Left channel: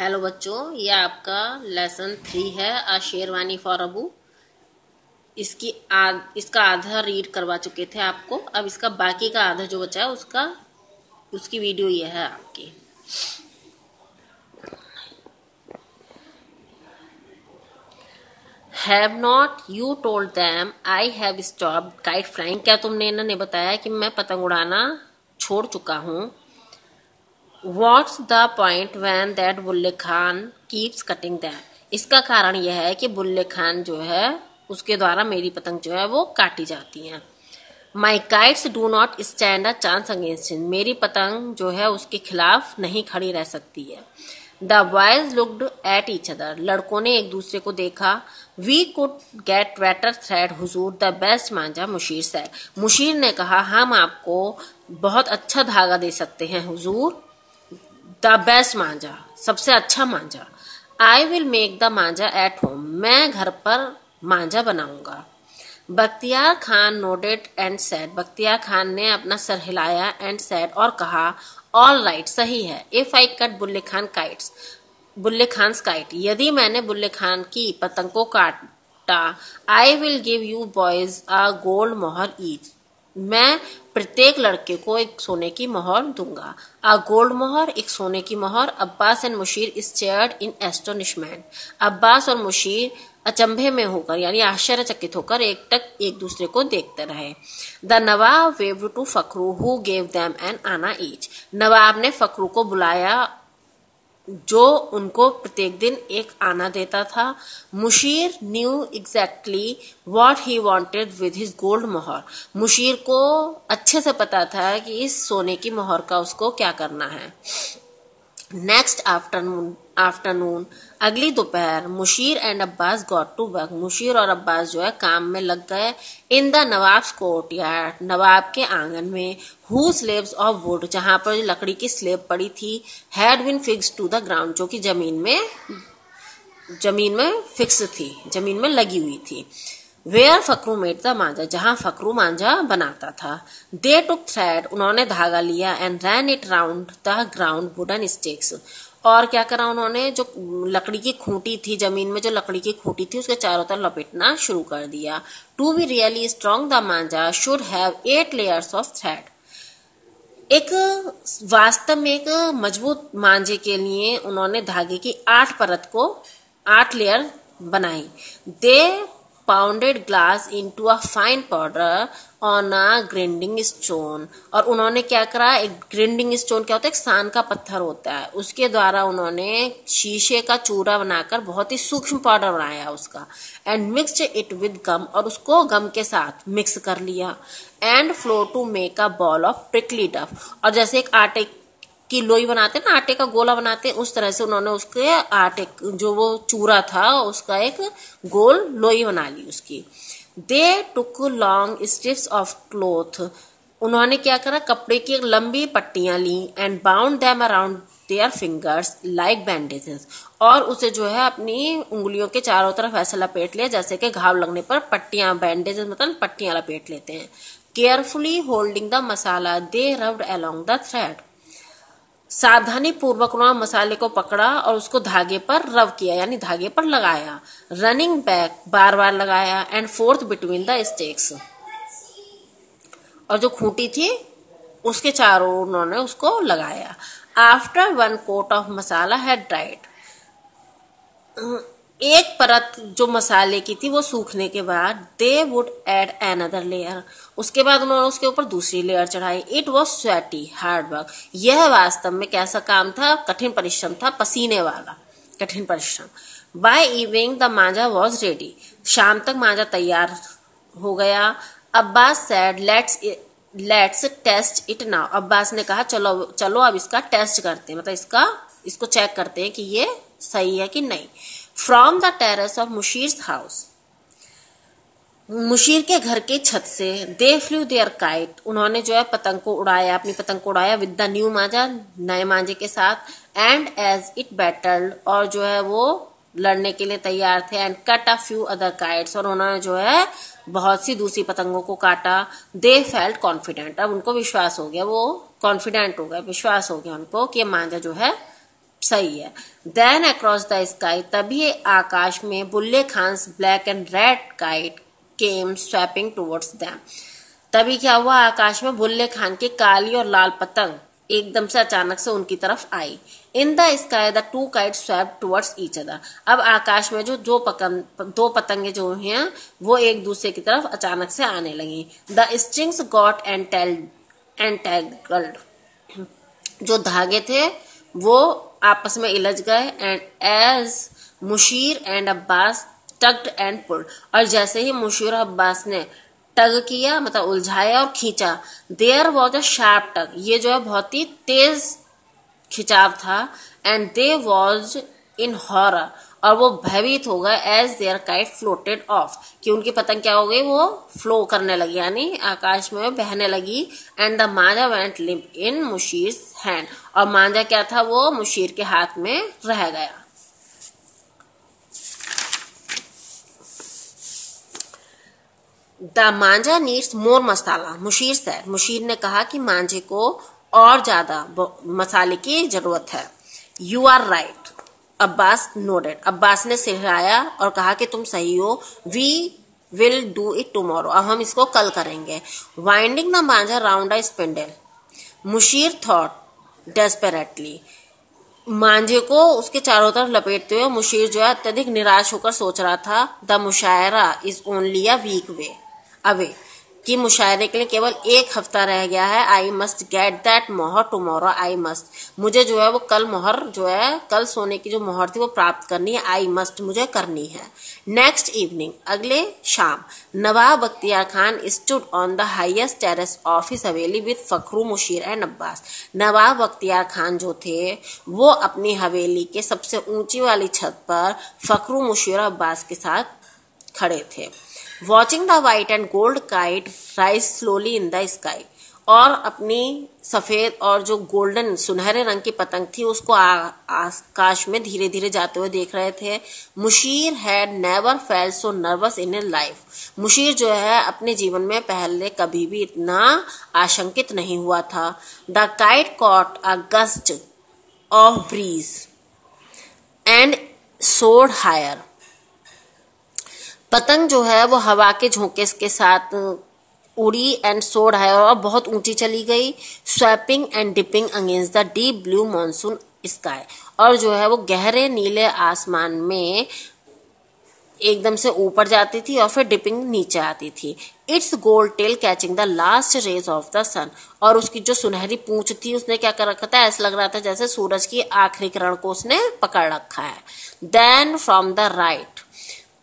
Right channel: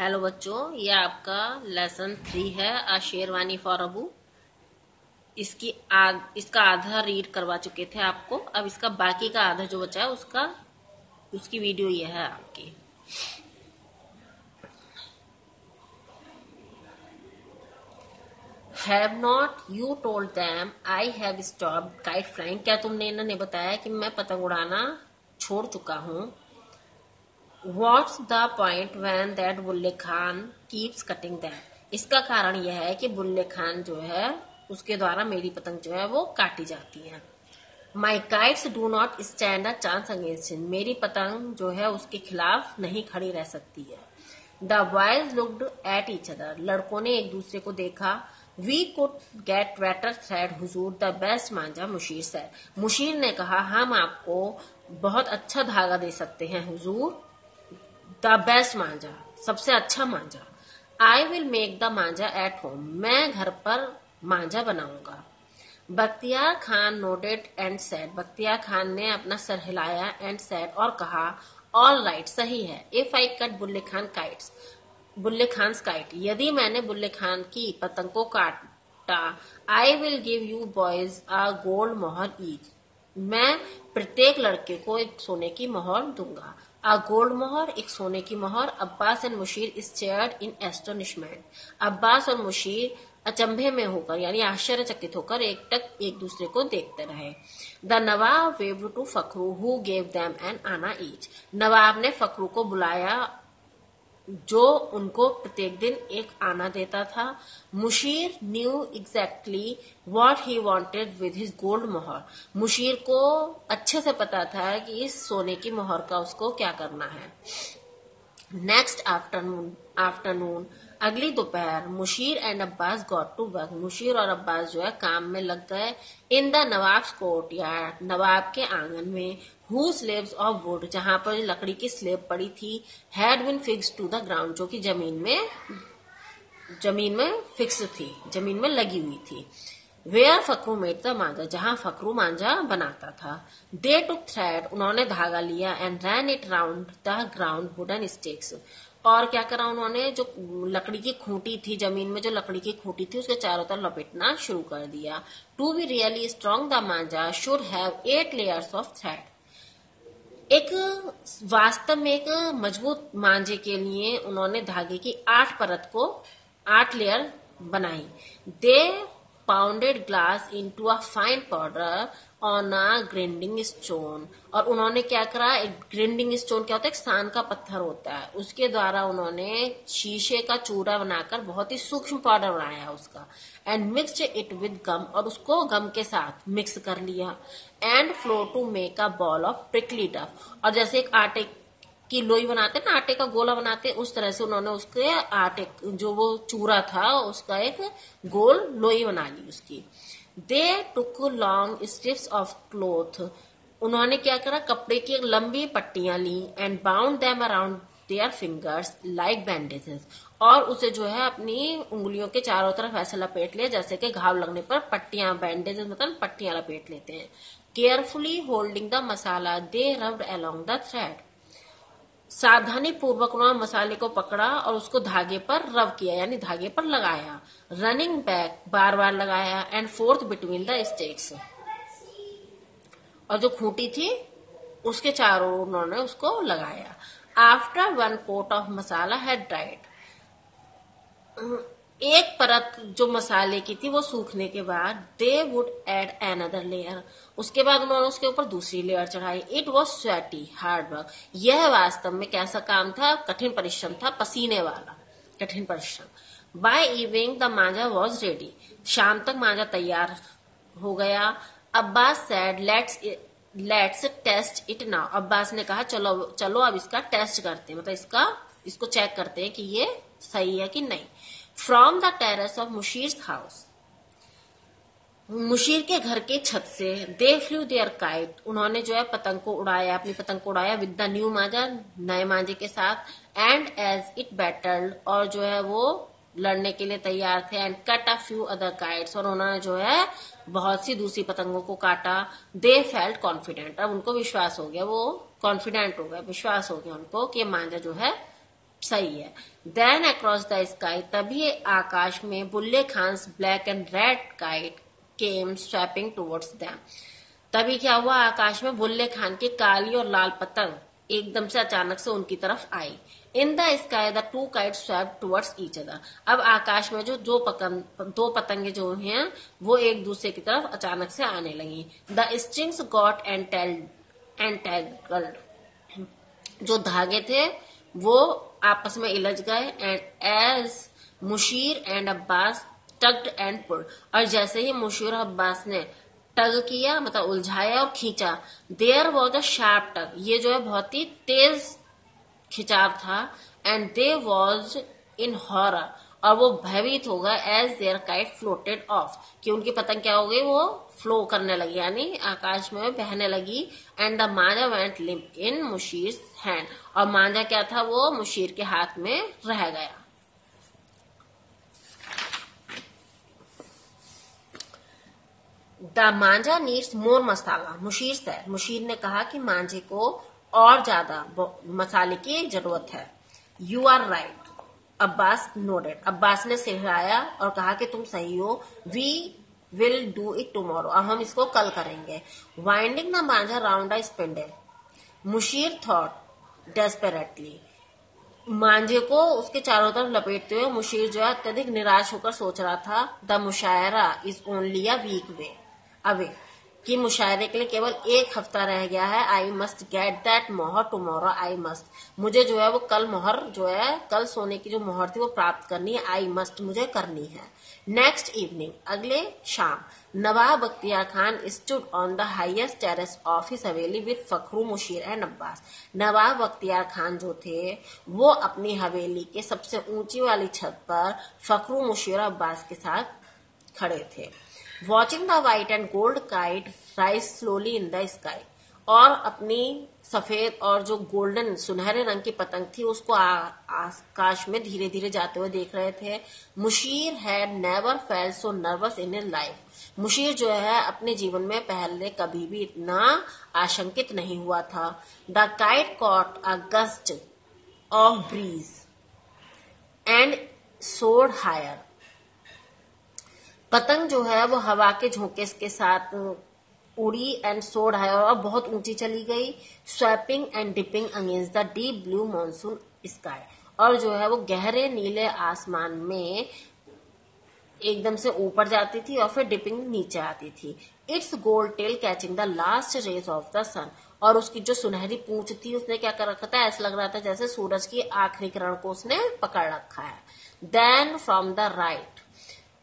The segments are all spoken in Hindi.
हेलो बच्चों, ये आपका लेसन 3 है आ शेरवानी फॉर अबू। इसका आधा रीड करवा चुके थे आपको। अब इसका बाकी का आधा जो बचा है उसकी वीडियो ये है आपकी। Have not you told them I have stopped kite flying. क्या तुमने इन्होंने बताया कि मैं पतंग उड़ाना छोड़ चुका हूँ। What's the point when that Bulleh Khan keeps cutting them? इसका कारण यह है कि बुल्ले खान जो है उसके द्वारा मेरी पतंग जो है वो काटी जाती है। My kites do not stand a chance against him. मेरी पतंग जो है उसके खिलाफ नहीं खड़ी रह सकती है। The boys looked at each other. लड़कों ने एक दूसरे को देखा। We could get better thread Hazur, the best Manjha, Musheer said. Musheer ने कहा हम आपको बहुत अच्छा धागा दे सकते हैं हुजूर। द बेस्ट मांझा, सबसे अच्छा मांझा। I will make the manjha at home, मैं घर पर मांझा बनाऊंगा। Bakhtiyar Khan nodded and said, Bakhtiyar Khan ने अपना सर हिलाया एंड सेड और कहा ऑल राइट, सही है। If I cut Bulle Khan kites, Bulle Khan kite, यदि मैंने बुल्ले खान की पतंग को काटा, I will give you boys a gold mohur each, मैं प्रत्येक लड़के को एक सोने की मोहर दूंगा। अ गोल्ड मोहर, एक सोने की mohur. Abbas and Mushir stared in astonishment, Abbas और मुशीर अचंभे में होकर यानी आश्चर्यचकित होकर एक दूसरे को देखते रहे। The Nawab waved to Fakhru who gave them an anna each, Nawab ने फखरू को बुलाया जो उनको प्रत्येक दिन एक आना देता था। Mushir knew exactly what he wanted with his gold mohur, Mushir को अच्छे से पता था कि इस सोने की मोहर का उसको क्या करना है। नेक्स्ट आफ्टरनून, अगली दोपहर, Mushir and Abbas got to work, Mushir और अब्बास जो है काम में लग गए। In the nawab's courtyard, नवाब के आंगन में। हु स्लेब्स ऑफ वुड, जहां पर लकड़ी की स्लेब पड़ी थी। Had been fixed to the ground, जो कि जमीन में फिक्स थी, जमीन में लगी हुई थी। वेयर फकरू मेड द मांझा, जहां फकरू मांझा बनाता था। दे टुक थ्रेड, उन्होंने धागा लिया and ran it round the ground wooden sticks, और क्या करा उन्होंने, जो लकड़ी की खूंटी थी, जमीन में जो लकड़ी की खूंटी थी उसके चारों तरफ लपेटना शुरू कर दिया। To be really strong the manjha should have 8 layers of thread, एक वास्तव में एक मजबूत मांझे के लिए उन्होंने धागे की 8 लेयर बनाई। They pounded glass into a fine powder on a grinding stone, और उन्होंने क्या करा, एक ग्राइंडिंग स्टोन क्या होता है, एक सान का पत्थर होता है, उसके द्वारा उन्होंने शीशे का चूरा बनाकर बहुत ही सूक्ष्म पाउडर बनाया उसका। And mixed it with gum, और उसको गम के साथ मिक्स कर लिया। And flour to make a ball of prickly dough, और जैसे एक आटे की लोई बनाते ना, आटे का गोला बनाते, उस तरह से उन्होंने उसके आटे जो वो चूरा था उसका एक गोल लोई बना ली उसकी। They took long strips of cloth, उन्होंने क्या करा, कपड़े की लंबी पट्टियां ली। And bound them around their fingers like bandages, और उसे जो है अपनी उंगलियों के चारों तरफ ऐसा लपेट लिया जैसे कि घाव लगने पर पट्टियां, बैंडेजेस मतलब पट्टियां लपेट लेते हैं। Carefully holding the masala they rubbed along the thread, सावधानी पूर्वक उन्होंने मसाले को पकड़ा और उसको धागे पर रब किया यानी धागे पर लगाया। रनिंग बैक, बार बार लगाया। And forth between the stakes, और जो खूंटी थी उसके चारों उन्होंने उसको लगाया। After 1 coat of masala had dried, एक परत जो मसाले की थी वो सूखने के बाद they would add another layer, उसके बाद उन्होंने उसके ऊपर दूसरी लेयर चढ़ाई। It was sweaty hard work, यह वास्तव में कैसा काम था, कठिन परिश्रम था, पसीने वाला कठिन परिश्रम। By evening the manjha was ready, शाम तक मांझा तैयार हो गया। Abbas said let's test it now, Abbas ने कहा चलो अब इसका टेस्ट करते हैं, मतलब इसको चेक करते हैं कि ये सही है कि नहीं। From the terrace of Mushir house, Mushir के घर के छत से। दे फ्लू देयर काइट, उन्होंने जो है पतंग को उड़ाया, अपनी पतंग को उड़ाया। विद द न्यू मांझा, नए मांझे के साथ। एंड एज इट बैटल्ड, और जो है वो लड़ने के लिए तैयार थे। And cut a few other kites, और उन्होंने जो है बहुत सी दूसरी पतंगों को काटा। दे फेल्ट कॉन्फिडेंट, अब उनको विश्वास हो गया, वो कॉन्फिडेंट हो गया, विश्वास हो गया उनको कि मांझा जो है सही है। देन अक्रॉस द स्काई, तभी आकाश में Bulle Khan's black and red kite came swooping towards them. तभी क्या हुआ, आकाश में बुल्ले खान की काली और लाल पतंग एकदम से अचानक से उनकी तरफ आई। In the sky the two kite swept towards each other. अब आकाश में जो दो पतंगे जो हैं वो एक दूसरे की तरफ अचानक से आने लगी। द स्ट्रिंग्स गॉट एंटेंगल्ड, जो धागे थे वो आपस में इलझ गए। And as Mushir and Abbas tugged and pulled, और जैसे ही मुशीर और अब्बास ने टग किया मतलब उलझाया और खींचा, there was a sharp tug, ये जो है बहुत ही तेज खिंचाव था। And they was in horror, और वो भयभीत हो गए। As their kite floated off, कि उनकी पतंग क्या हो गई, वो फ्लो करने लगी यानी आकाश में बहने लगी। And the manjha went limp in Mushir hand, और मांझा क्या था वो मुशीर के हाथ में रह गया। The manjha needs more masala, Mushir said, Mushir ने कहा कि मांझे को और ज्यादा मसाले की जरूरत है। You are right, Abbas nodded, Abbas ने सिर हिलाया और कहा कि तुम सही हो। We will do it tomorrow, अब हम इसको कल करेंगे। Winding the manjha round a spindle, Mushir thought desperately, मांझे को उसके चारों तरफ लपेटते हुए मुशीर जो है अत्यधिक निराश होकर सोच रहा था। The mushaira is only a week way away, कि मुशायरे के लिए केवल एक हफ्ता रह गया है। आई मस्ट गेट दैट मोहर टुमारो, आई मस्ट, मुझे जो है वो कल मोहर जो है कल सोने की जो मोहर थी वो प्राप्त करनी है। आई मस्ट, मुझे करनी है। नेक्स्ट इवनिंग, अगले शाम, Nawab Bakhtiyar Khan stood on the highest terrace of his haveli with Fakhru Mushir and Abbas. Nawab Bakhtiyar Khan जो थे वो अपनी हवेली के सबसे ऊंची वाली छत पर फखरू मुशीर और अब्बास के साथ खड़े थे। Watching the white and gold kite rise slowly in the sky, और अपनी सफेद और जो गोल्डन सुनहरे रंग की पतंग थी उसको आकाश में धीरे धीरे जाते हुए देख रहे थे। Mushir had never felt so nervous in his life, Mushir जो है अपने जीवन में पहले कभी भी इतना आशंकित नहीं हुआ था। The kite caught a gust of breeze and soared higher, पतंग जो है वो हवा के झोंके के साथ उड़ी एंड सोर्ड हायर, और बहुत ऊंची चली गई। Swapping and dipping against the deep blue monsoon sky, और जो है वो गहरे नीले आसमान में एकदम से ऊपर जाती थी और फिर डिपिंग नीचे आती थी। Its gold tail catching the last rays of the sun, और उसकी जो सुनहरी पूंछ थी उसने क्या कर रखा था, ऐसा लग रहा था जैसे सूरज की आखिरी किरण को उसने पकड़ रखा है। देन फ्रॉम द राइट,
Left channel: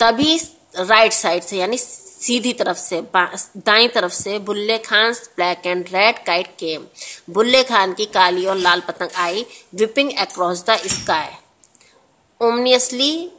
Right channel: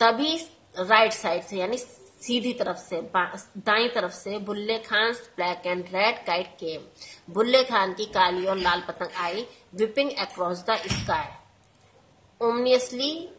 तभी राइट साइड से यानी सीधी तरफ से दाईं तरफ से Bulle Khan black and red kite came, Bulle Khan की काली और लाल पतंग आई। Whipping across the sky ominously,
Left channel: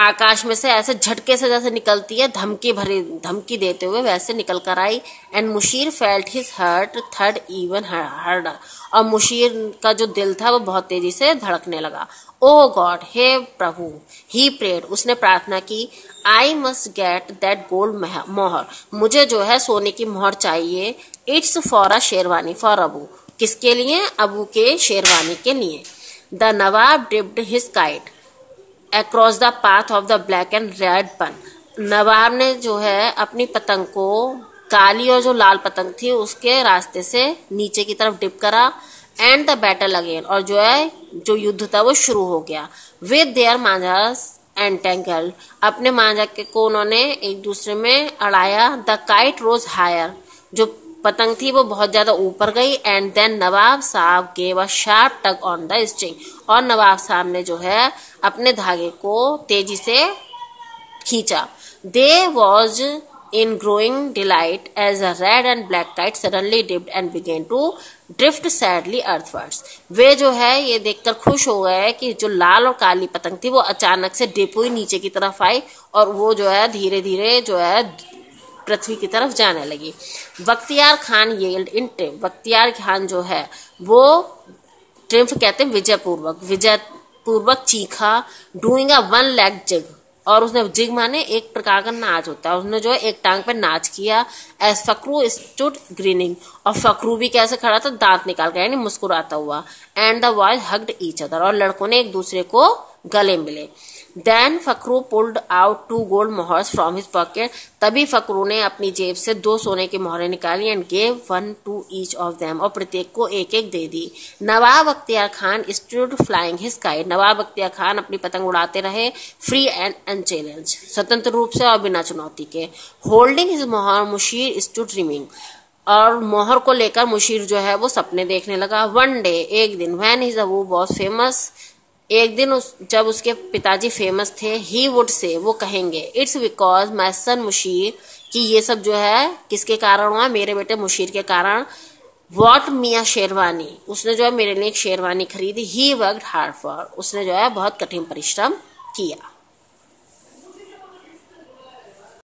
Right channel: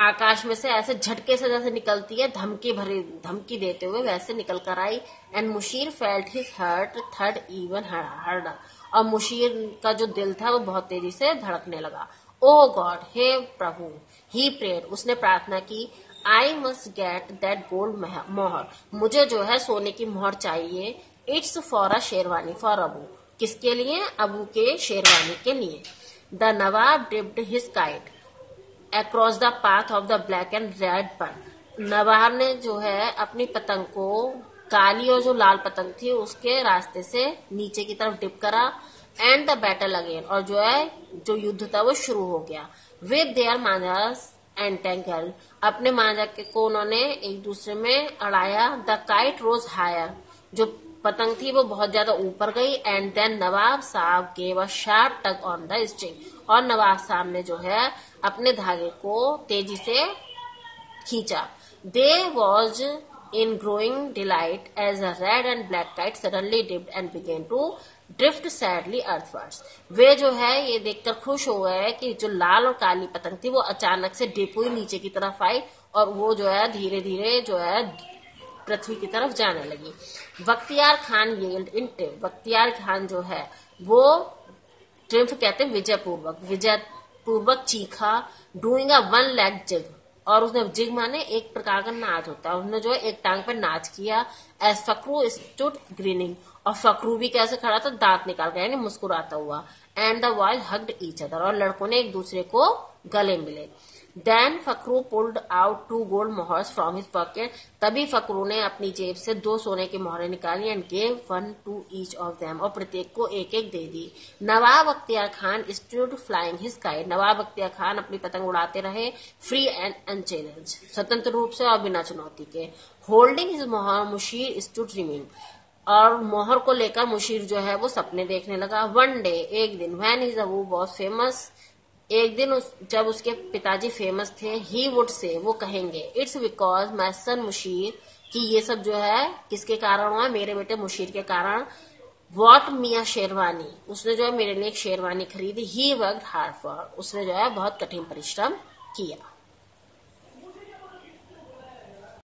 आकाश में से ऐसे झटके से जैसे निकलती है धमकी देते हुए वैसे निकल कर आई। And Mushir felt his heart थर्ड इवन हार्डर, और मुशीर का जो दिल था वो बहुत तेजी से धड़कने लगा। ओ गॉड, हे प्रभु, ही प्रेड, उसने प्रार्थना की। I must get that gold मोहर, मुझे जो है सोने की मोहर चाहिए। It's for a sherwani for Abu, किसके लिए, अबू के शेरवानी के लिए। The Nawab dipped his kite across the path of the black and red बन, नवाब ने जो है अपनी पतंग को काली और जो लाल पतंग थी उसके रास्ते से नीचे की तरफ डिप करा। एंड द बैटल अगेन, और जो है जो युद्ध था वो शुरू हो गया। विद देयर मांझास एंटेंगल्ड, अपने मांझा को उन्होंने एक दूसरे में अड़ाया। द काइट रोज हायर, जो पतंग थी वो बहुत ज्यादा ऊपर गई। एंड देन नवाब साहब gave a sharp tug on the string, और नवाब साहब ने जो है अपने धागे को तेजी से खींचा। दे was in growing delight as a red and black kite suddenly dipped and began to drift sadly earthwards. वे जो है ये देखकर खुश हो गए कि जो लाल और काली पतंग थी वो अचानक से डिप हुई नीचे की तरफ आई, और वो जो है धीरे धीरे जो है पृथ्वी की तरफ जाने लगी। Bakhtiyar Khan yelled in triumph, Bakhtiyar Khan जो है वो ट्रिम्फ कहते हैं विजय पूर्वक चीखा। Doing a one leg jig, और उसने जिग माने एक प्रकार का नाच होता है, उसने जो है एक टांग पे नाच किया। एज फकरू स्टूड ग्रीनिंग, और फकरू भी कैसे खड़ा था, दांत निकाल कर, यानी मुस्कुराता हुआ। And the boys hugged each other, और लड़कों ने एक दूसरे को गले मिले। Then Fakhru pulled out 2 gold mohurs from his pocket, तभी फकरू ने अपनी जेब से 2 सोने की मोहरें निकाली। And gave 1 to each of them, और प्रत्येक को एक एक दे दी। Nawab Akhtiyar Khan stood flying his kite, Nawab Akhtiyar Khan अपनी पतंग उड़ाते रहे, फ्री एंड अनचैलेंज, स्वतंत्र रूप से और बिना चुनौती के। होल्डिंग हिज मोहर मुशीर स्टूड ड्रीमिंग, और मोहर को लेकर मुशीर जो है वो सपने देखने लगा। वन डे, एक दिन, when his Abu was famous, एक दिन जब उसके पिताजी फेमस थे, ही वुड से, वो कहेंगे, इट्स बिकॉज माई सन मुशीर, कि ये सब जो है किसके कारण हुआ, मेरे बेटे मुशीर के कारण। वॉट मियाँ शेरवानी, उसने जो है मेरे लिए एक शेरवानी खरीदी। ही वर्कड हार्ड फॉर, उसने जो है बहुत कठिन परिश्रम किया।